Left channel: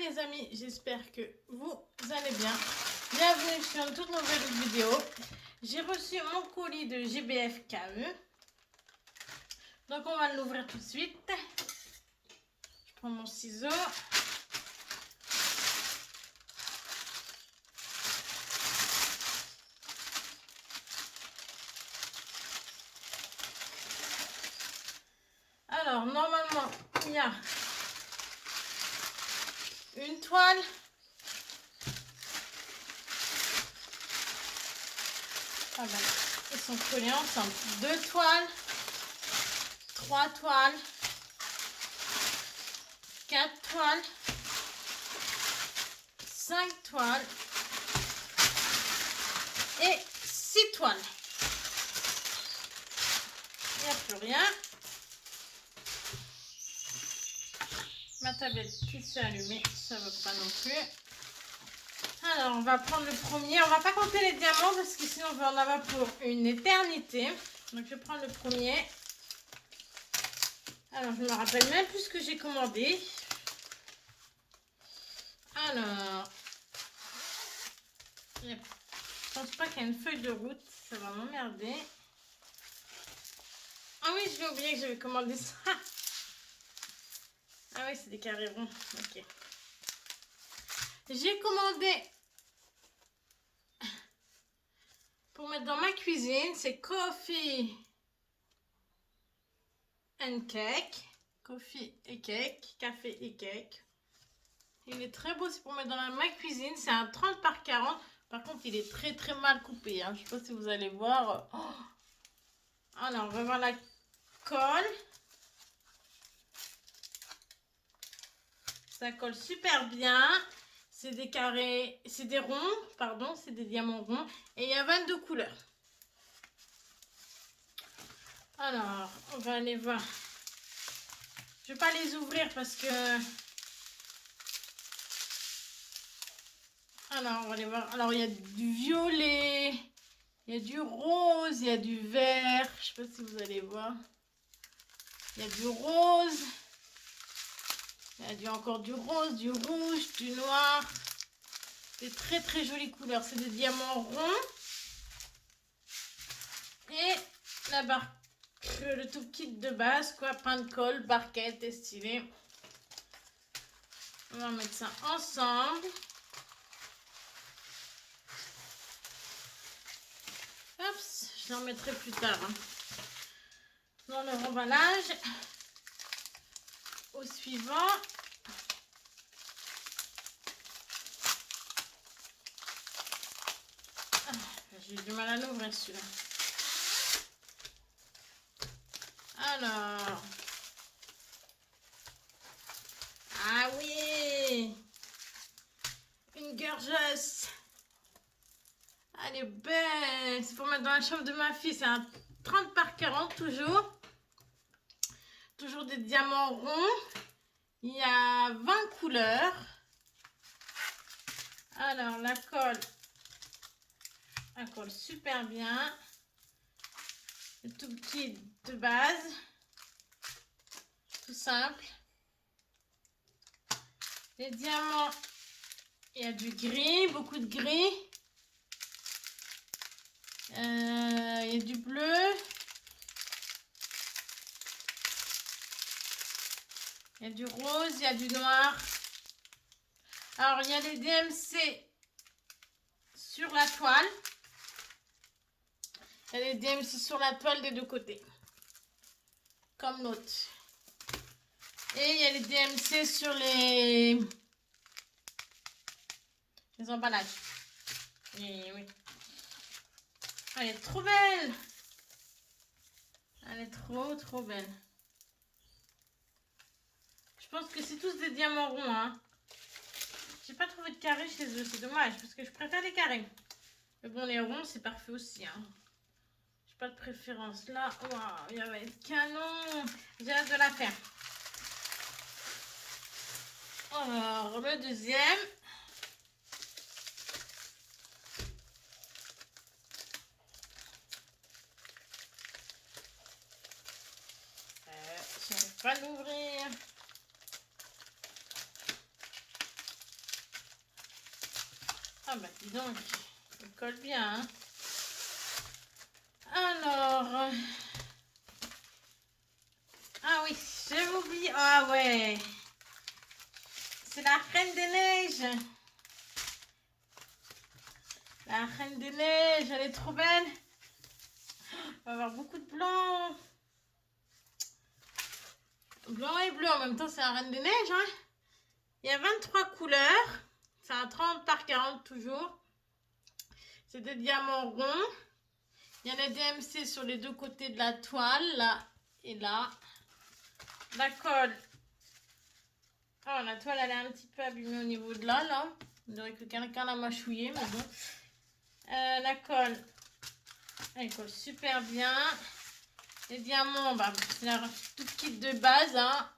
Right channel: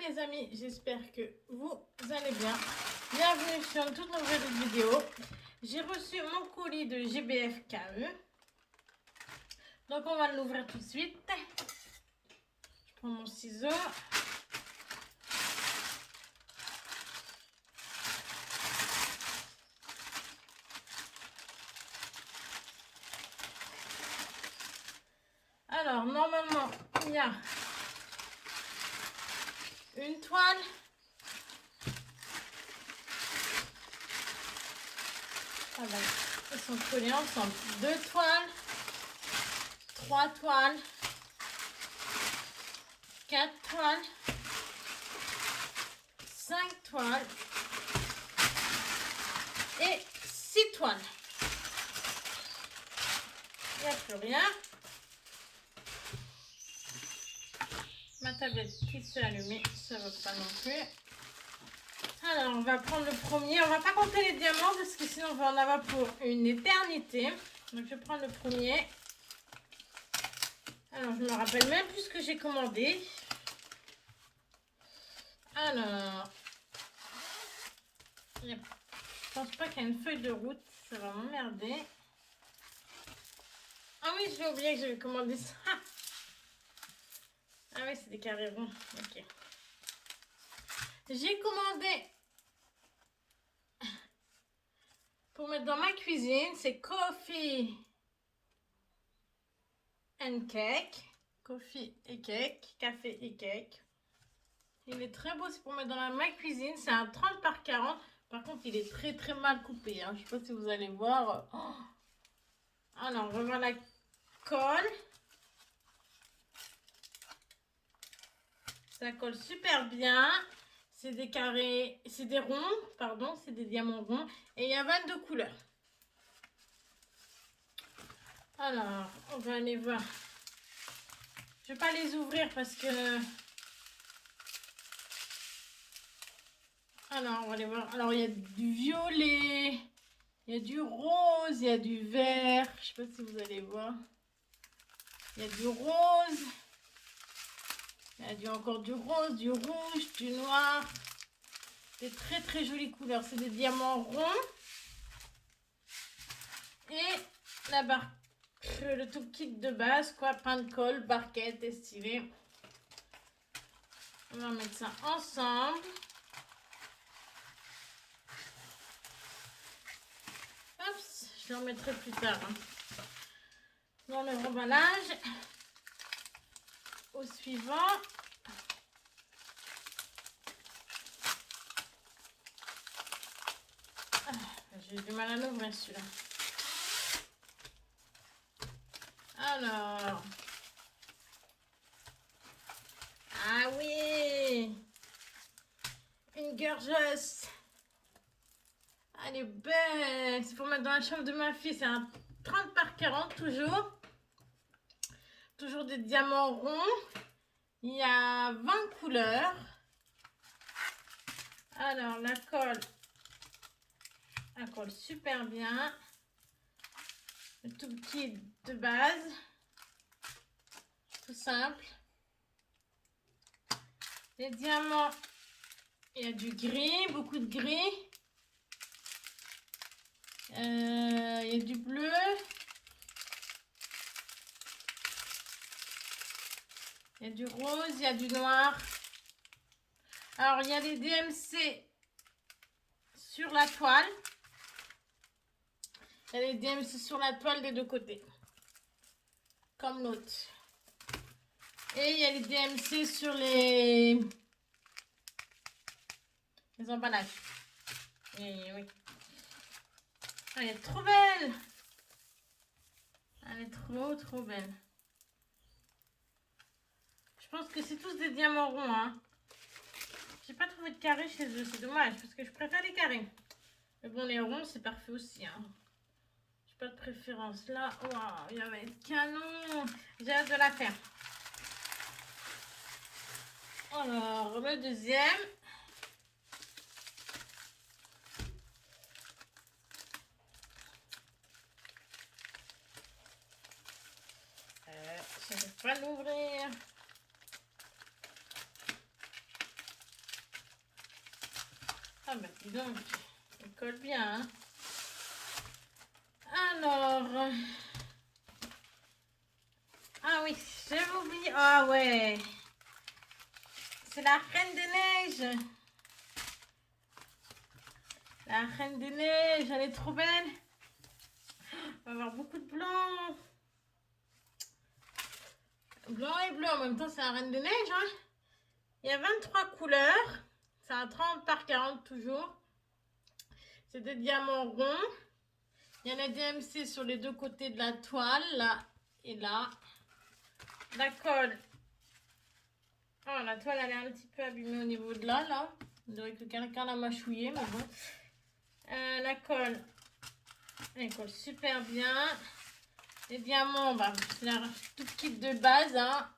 les amis, j'espère que vous allez bien. Bienvenue sur une toute nouvelle vidéo. J'ai reçu mon colis de GBF KE. Donc on va l'ouvrir tout de suite. Je prends mon ciseau. Alors normalement il y a une toile. Ah bon, ils sont collés ensemble. 2 toiles, 3 toiles, 4 toiles, 5 toiles et 6 toiles. Il n'y a plus rien. Ma tablette qui s'est allumée, ça ne va pas non plus. Alors, on va prendre le premier. On va pas compter les diamants parce que sinon on va en avoir pour une éternité. Donc, je vais prendre le premier. Alors, je ne me rappelle même plus ce que j'ai commandé. Alors, je pense pas qu'il y a une feuille de route. Ça va m'emmerder. Ah oui, j'ai oublié que j'avais commandé ça. Ah oui, c'est des carrés ronds. Ok. J'ai commandé pour mettre dans ma cuisine. C'est Coffee and Cake. Coffee et cake. Café et cake. Il est très beau. C'est pour mettre dans ma cuisine. C'est un 30 par 40. Par contre, il est très très mal coupé. Hein. Je ne sais pas si vous allez voir. Oh. Alors, on va voir la colle. Ça colle super bien. C'est des carrés, c'est des ronds, pardon, c'est des diamants ronds. Et il y a 22 couleurs. Alors, on va aller voir. Je ne vais pas les ouvrir parce que... Alors, on va aller voir. Alors, il y a du violet, il y a du rose, il y a du vert. Je ne sais pas si vous allez voir. Il y a du rose. Il y a encore du rose, du rouge, du noir. Des très très jolies couleurs. C'est des diamants ronds. Et la barre, le tout kit de base, quoi. Pain de colle, barquette, estilé. On va mettre ça ensemble. Hop, je l'en remettrai plus tard. Hein. Dans le remballage. Au suivant. J'ai du mal à l'ouvrir celui-là. Alors. Ah oui. Une gorgeuse. Elle est belle. C'est pour mettre dans la chambre de ma fille. C'est un 30 par 40 toujours. Toujours des diamants ronds. Il y a 20 couleurs. Alors la colle. Elle colle super bien. Le tout petit de base. Tout simple. Les diamants. Il y a du gris. Beaucoup de gris. Il y a du bleu. Il y a du rose, il y a du noir. Alors, il y a des DMC sur la toile. Il y a des DMC sur la toile des deux côtés. Comme l'autre. Et il y a les DMC sur les emballages. Et oui. Oh, elle est trop belle. Elle est trop, trop belle. Je pense que c'est tous des diamants ronds. Hein. J'ai pas trouvé de carré chez eux. C'est dommage parce que je préfère les carrés. Mais bon, les ronds, c'est parfait aussi. Hein. J'ai pas de préférence. Là, waouh, il va être canon. J'ai hâte de la faire. Alors, le deuxième. Je n'arrive pas à l'ouvrir. Ah bah dis donc, il colle bien. Hein. Alors... Ah oui, j'ai oublié. Ah ouais. C'est la Reine des Neiges. La Reine des Neiges, elle est trop belle. On va avoir beaucoup de blanc. Blanc et bleu en même temps, c'est la Reine des Neiges. Hein. Il y a 23 couleurs. C'est un 30 par 40 toujours. C'est des diamants ronds. Il y a la DMC sur les deux côtés de la toile, là et là. La colle. Oh, la toile, elle est un petit peu abîmée au niveau de là. On dirait que quelqu'un l'a mâchouillée, mais bon. La colle, elle colle super bien. Les diamants, bah, c'est la tout kit de base. Hein.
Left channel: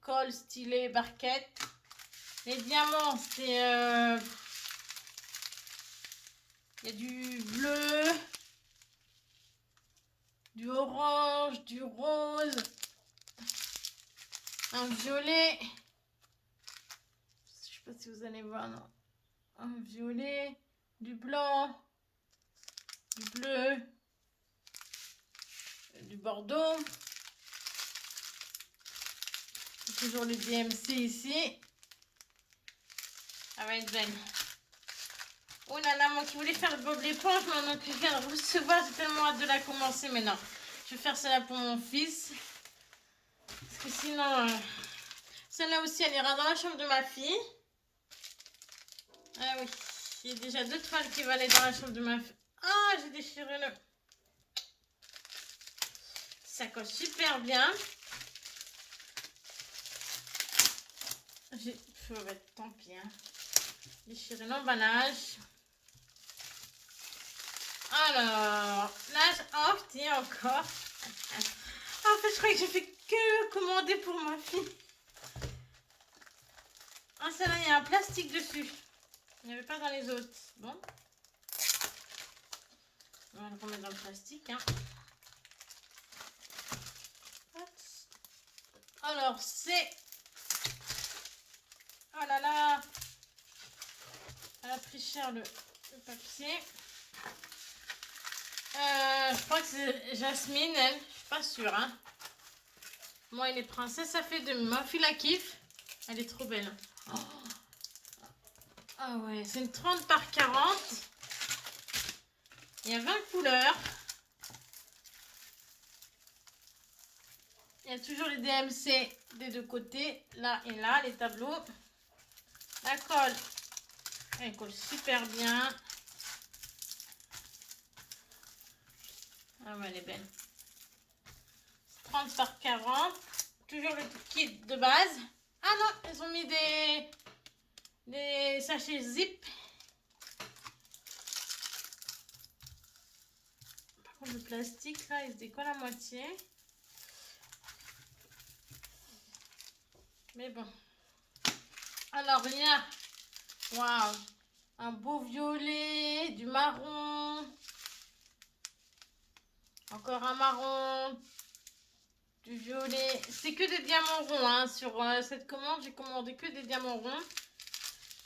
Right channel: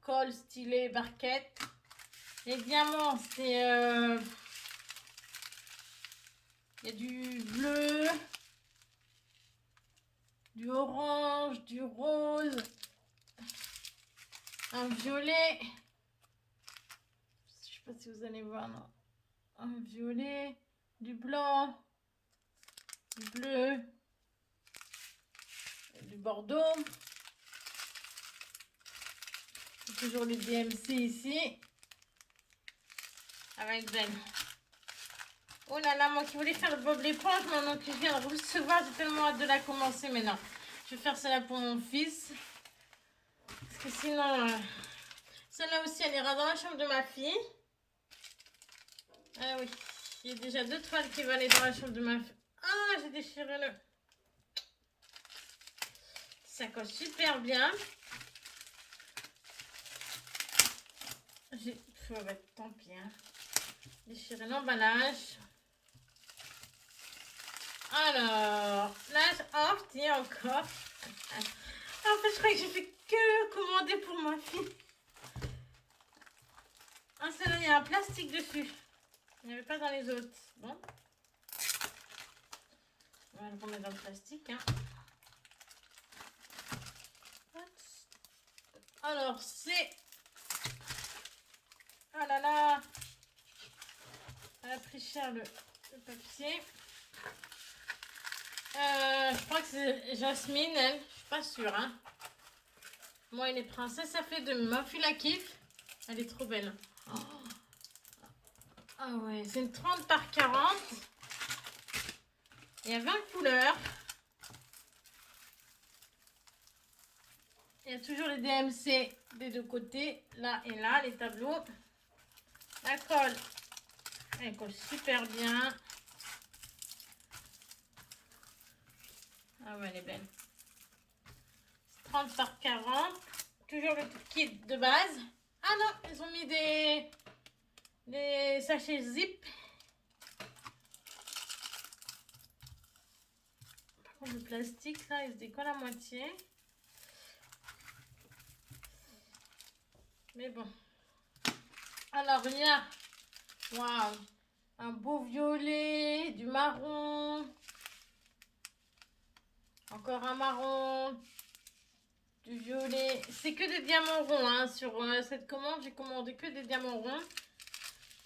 Colle, stylet, barquette. Les diamants, c'est... Il y a du bleu, du orange, du rose, un violet. Je sais pas si vous allez voir, non. Un violet, du blanc, du bleu, du bordeaux. Toujours le DMC ici. Ça va être belle. Oh là là, moi qui voulais faire le bob l'éponge, maman qui vient de recevoir, j'ai tellement hâte de la commencer, mais non. Je vais faire celle-là pour mon fils. Parce que sinon, celle-là aussi, elle ira dans la chambre de ma fille. Ah oui, il y a déjà 2 toiles qui vont aller dans la chambre de ma fille. Ah, j'ai déchiré le... Ça colle super bien. J'ai... tant pis, hein. Déchirer l'emballage. Alors, là, oh, tiens, encore. En fait, je crois que j'ai fait que commander pour ma fille. Ah, celle-là, il y a un plastique dessus. Il n'y avait pas dans les autres. Bon. On va le remettre dans le plastique. Hein. Alors, c'est... Oh là là. Elle a pris cher le papier. Je crois que c'est Jasmine, elle. Je suis pas sûre. Hein. Moi, elle est princesse, ça fait de ma fille la kiffe. Elle est trop belle. Oh. Ah ouais, c'est une 30 par 40. Il y a 20 couleurs. Il y a toujours les DMC des deux côtés, là et là, les tableaux. La colle, elle colle super bien. Ah ouais, elle est belle. 30 par 40. Toujours le kit de base. Ah non, ils ont mis des sachets zip. Par contre, le plastique, là, il se décolle à moitié. Mais bon. Alors, il y a... Waouh! Un beau violet, du marron. Encore un marron. Du violet. C'est que des diamants ronds. Hein. Sur cette commande, j'ai commandé que des diamants ronds.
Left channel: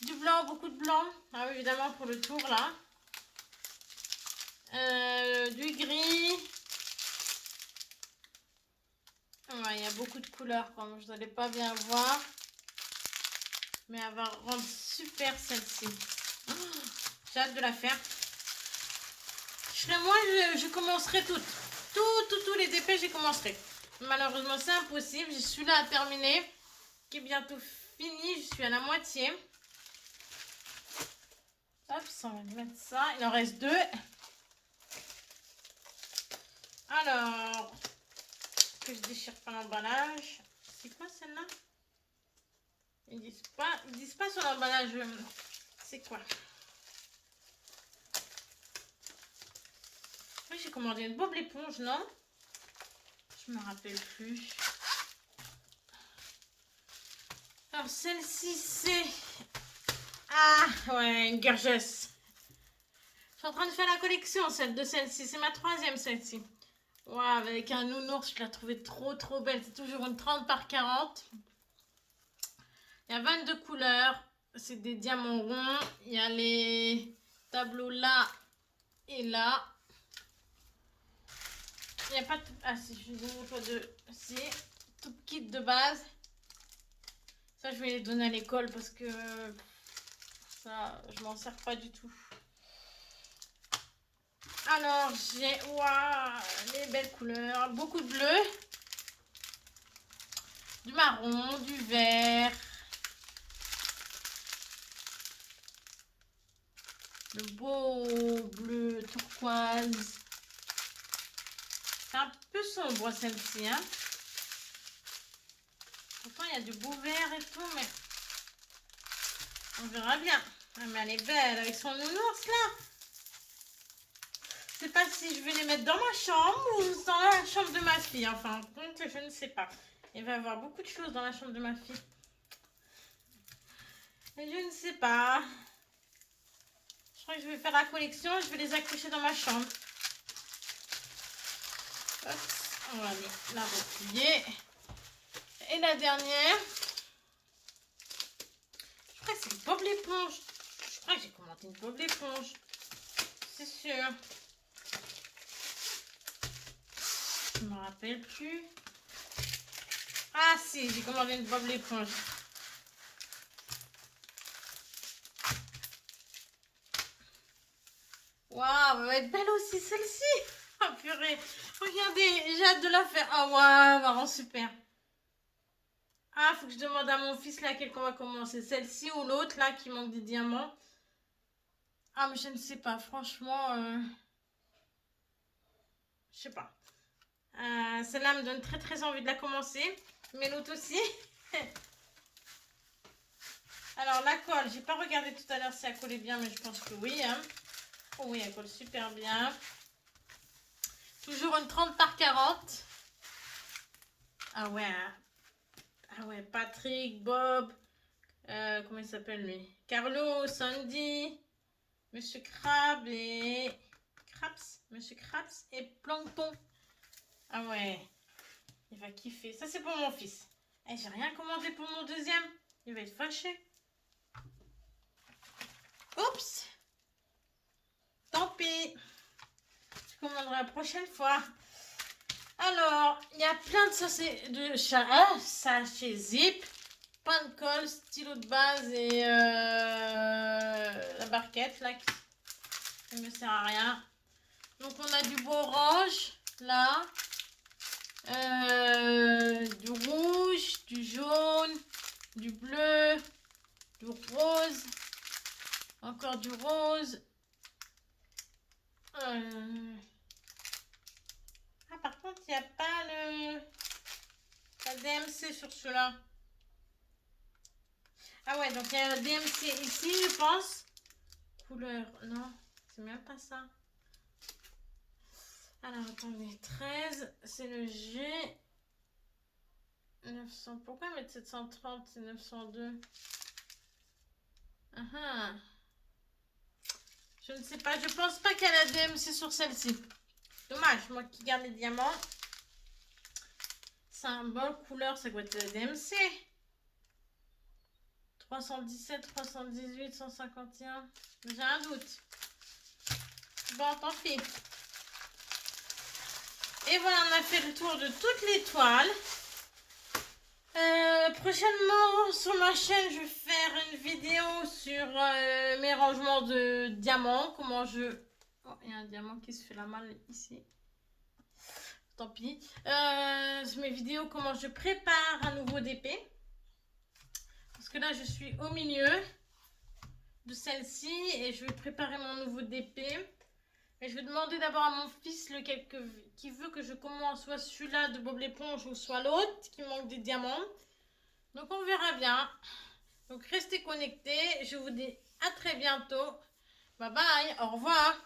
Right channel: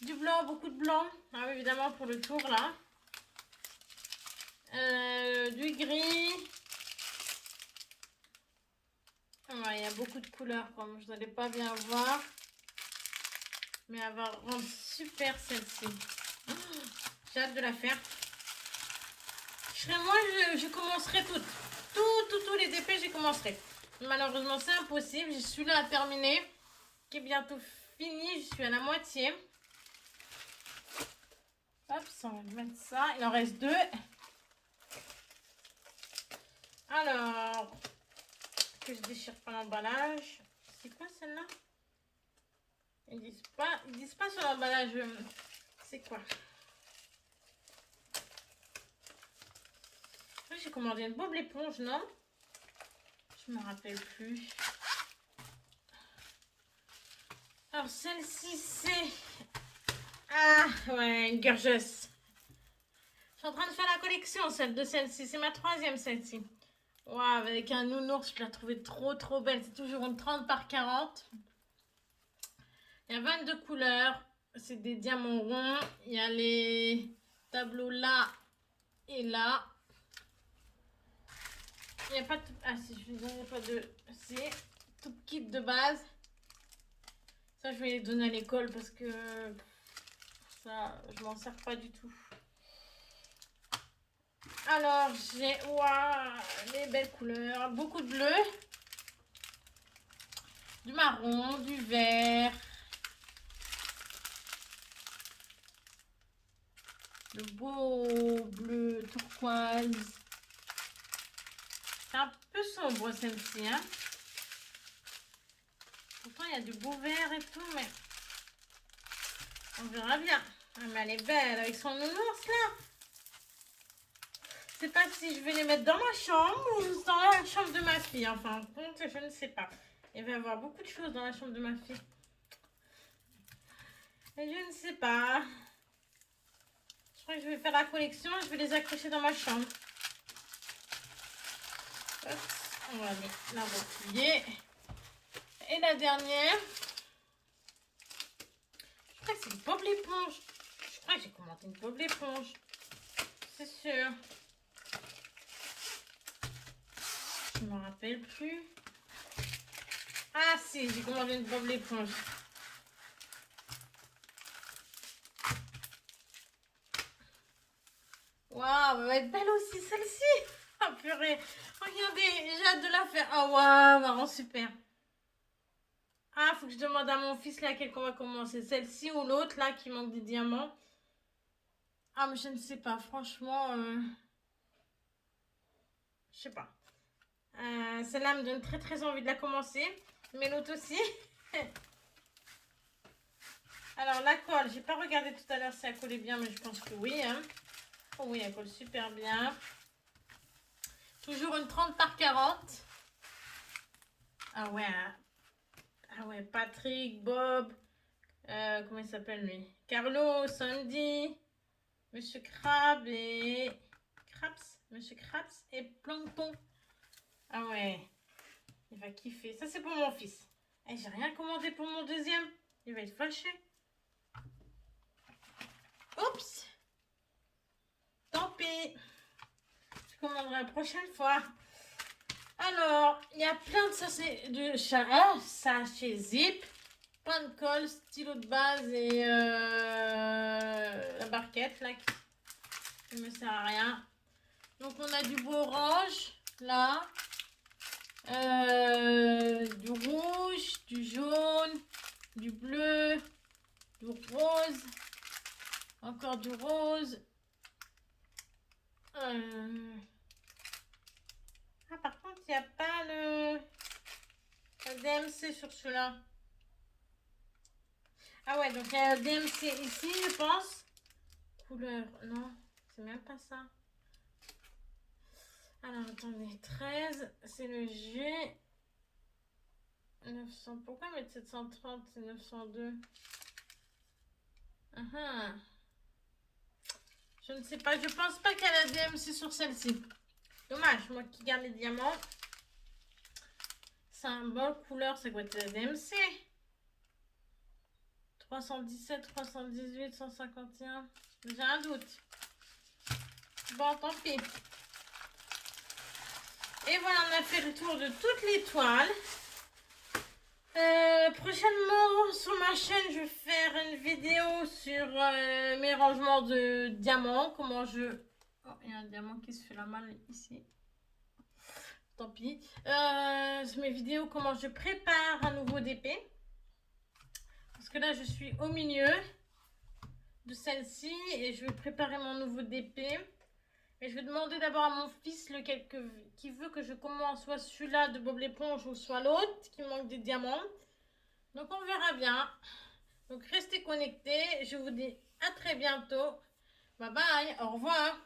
Du blanc, beaucoup de blanc. Ah oui, évidemment, pour le tour, là. Du gris. Ouais, il y a beaucoup de couleurs, comme je n'allais pas bien voir. Mais elle va rendre super celle-ci. Oh, j'ai hâte de la faire. Moi, je commencerai tous les dépêches, je commencerai. Malheureusement, c'est impossible. Je suis là à terminer. Qui est bientôt fini. Je suis à la moitié. Hop, on va mettre ça. Il en reste 2. Alors, que je déchire pas l'emballage. C'est quoi celle-là? Ils disent pas sur l'emballage. C'est quoi? J'ai commandé une bob l'éponge, non? Je me rappelle plus. Alors celle-ci c'est... Ah ouais, une gorgeuse. Je suis en train de faire la collection de celle-ci. C'est ma 3e celle-ci. Waouh, avec un nounours, je la trouvais trop belle. C'est toujours une 30 par 40. Il y a 22 couleurs. c'est des diamants ronds. Il y a les tableaux là et là. Il n'y a pas de... Ah si, je vous ai pas de... Si, tout kit de base. Ça, je vais les donner à l'école parce que ça, je m'en sers pas du tout. Alors, j'ai... Waouh, les belles couleurs. Beaucoup de bleu. Du marron, du vert. Le beau bleu turquoise. C'est un peu sombre celle-ci, hein. Pourtant, il y a du beau vert et tout, mais on verra bien. Mais elle est belle avec son nounours là. Je sais pas si je vais les mettre dans ma chambre ou dans la chambre de ma fille. Enfin, compte, je ne sais pas. Il va y avoir beaucoup de choses dans la chambre de ma fille. Mais je ne sais pas. Je crois que je vais faire la collection. Je vais les accrocher dans ma chambre. Hop, on va aller la replier. Et la dernière. Je crois que c'est une Bob l'éponge. Je crois que j'ai commandé une Bob l'éponge. C'est sûr. Je me rappelle plus. Ah si, j'ai commandé une Bob l'éponge. Waouh, elle va être belle aussi celle-ci. Oh purée. Regardez, j'ai hâte de la faire. Ah waouh, marrant, super. Ah, faut que je demande à mon fils laquelle qu'on va commencer. Celle-ci ou l'autre là qui manque des diamants. Ah mais je ne sais pas, franchement. Je sais pas. Celle-là me donne très très envie de la commencer. Mais l'autre aussi. Alors la colle, j'ai pas regardé tout à l'heure si elle collait bien, mais je pense que oui. Hein. Oh oui, elle colle super bien. Toujours une 30 par 40. Ah ouais. Ah ouais, Patrick, Bob. Comment il s'appelle lui? Carlo, Sandy, Monsieur Crab et... Craps. Monsieur Craps et Plankton. Ah ouais. Il va kiffer. Ça, c'est pour mon fils. Eh, j'ai rien commandé pour mon deuxième. Il va être fâché. Oups. Tant pis. Je commanderai la prochaine fois. Alors, il y a plein de sachets zip. Pain de colle, stylo de base et la barquette là qui ne me sert à rien. Donc on a du beau orange là. Du rouge, du jaune, du bleu, du rose, encore du rose. Ah, par contre, il n'y a pas la DMC sur celui-là. Ah ouais, donc il y a la DMC ici, je pense. Couleur, non, c'est même pas ça. Alors, attendez, 13, c'est le G. 900, pourquoi mettre 730 et 902? Je ne sais pas, je pense pas qu'elle a DMC sur celle-ci. Dommage, moi qui garde les diamants. Symbole, couleur, ça doit être la DMC. 317, 318, 151. J'ai un doute. Bon, tant pis. Et voilà, on a fait le tour de toutes les toiles. Prochainement sur ma chaîne, je vais faire une vidéo sur mes rangements de diamants. Comment je... Oh, il y a un diamant qui se fait la malle ici. Tant pis. Sur mes vidéos, comment je prépare un nouveau DP. Parce que là, je suis au milieu de celle-ci et je vais préparer mon nouveau DP. Et je vais demander d'abord à mon fils lequel qui veut que je commence, soit celui-là de Bob l'éponge ou soit l'autre qui manque des diamants. Donc on verra bien. Donc restez connectés. Je vous dis à très bientôt. Bye bye. Au revoir.